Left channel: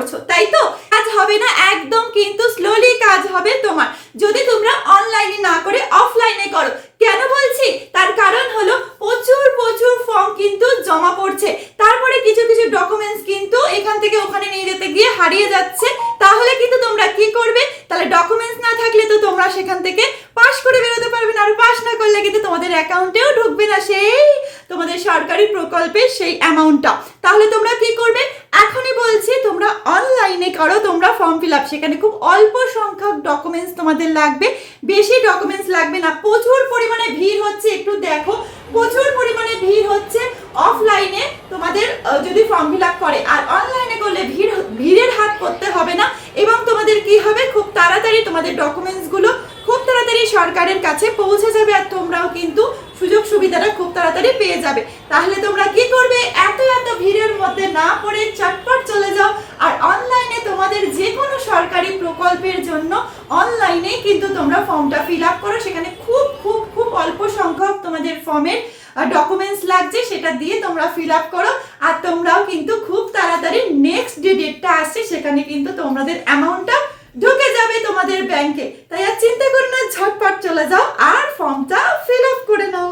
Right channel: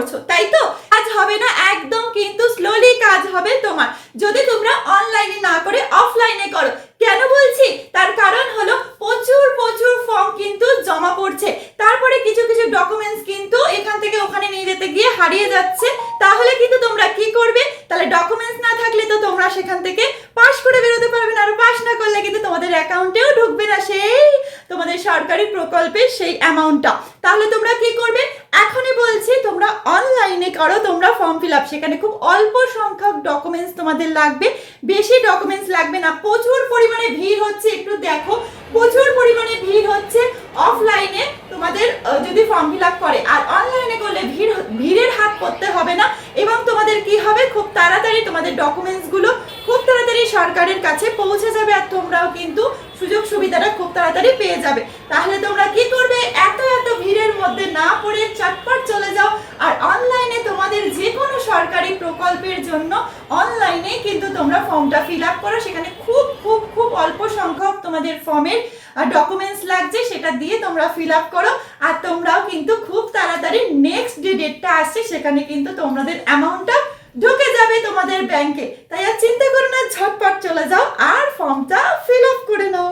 করছো, তাই তো? কাজ হবে না, একদম কিন্তু স্লোলি কাজ হবে তোমার যদি তোমরা অনলাইনে না করে অফলাইনে করো। কেন বলছি? তার কারণ হলো প্রচুর প্রচুর ফর্ম কিন্তু জমা পড়ছে, তারপরে কিছু কিছু ডকুমেন্টস কিন্তু এখান থেকে ওখানে নিয়ে যেতে গিয়ে হারিয়ে যাচ্ছে। তাহলে কিন্তু তোমরা কি করবে? তাহলে ডকুমেন্টস না থাকলে তো তোমরা সেখান থেকে পাস করে বেরোতে পারবে না, আর পাস না করলে কিন্তু তোমাদের অ্যাকাউন্টেও ঢুকবে না সেই তোমাদের সরকারি প্রকল্পের সেই অ্যামাউন্টটা। তাহলে তোমরা কি করবে? এখনই বলছি তোমরা অনলাইনে করো, তোমরা ফর্ম ফিল আপ, সেখানে খুব অল্প সংখ্যক ডকুমেন্টস তোমাদের লাগবে, বেশি ডকুমেন্টস লাগবে না। প্রচুর পরিমাণে ভিড় হচ্ছে, একটু দেখো প্রচুর পরিমাণে ভিড় হচ্ছে অফলাইনে তোমাদের যদি ফর্ম ফিল আপ করে, আর অনলাইনে করলে ভিড়ের হাত করতে হবে না, এবং তোমাদের কি হবে, খুব তাড়াতাড়ি তোমাদের ডকুমেন্টসগুলো খুব তাড়াতাড়ি সরকারের কাছে পৌঁছে যাবে, আর তোমরাও কিন্তু সুযোগ সুবিধাটা খুব তাড়াতাড়ি পেয়ে যাবে। তাহলে তোমরা কি করবে? এত এত ভিড়ের মধ্যে না পড়ে চটপট চলে যাও, আর অনলাইনে তোমাদের যে কোনো সরকারি প্রকল্পের জন্য অনলাইনে কিন্তু তোমরা ফর্মটা ফিল আপ করো। সেখানে খুব খুব খুব অল্প সংখ্যক তোমাদের ফর্মের ডকুমেন্টস লাগছে, সেটা দিয়ে তোমরা ফিল আপ করো, আর তোমরাও কিন্তু খুব তাড়াতাড়ি নেক্সট যে ডেটটা আসছে সেখানে কিন্তু তোমাদের অ্যামাউন্টটা ঢুকে যাবে তোমাদের ব্যাংকে। তাই আর চিন্তা করো না, ঝটপট চলে যাও আর ফর্মটা ফিল আপ করে নাও।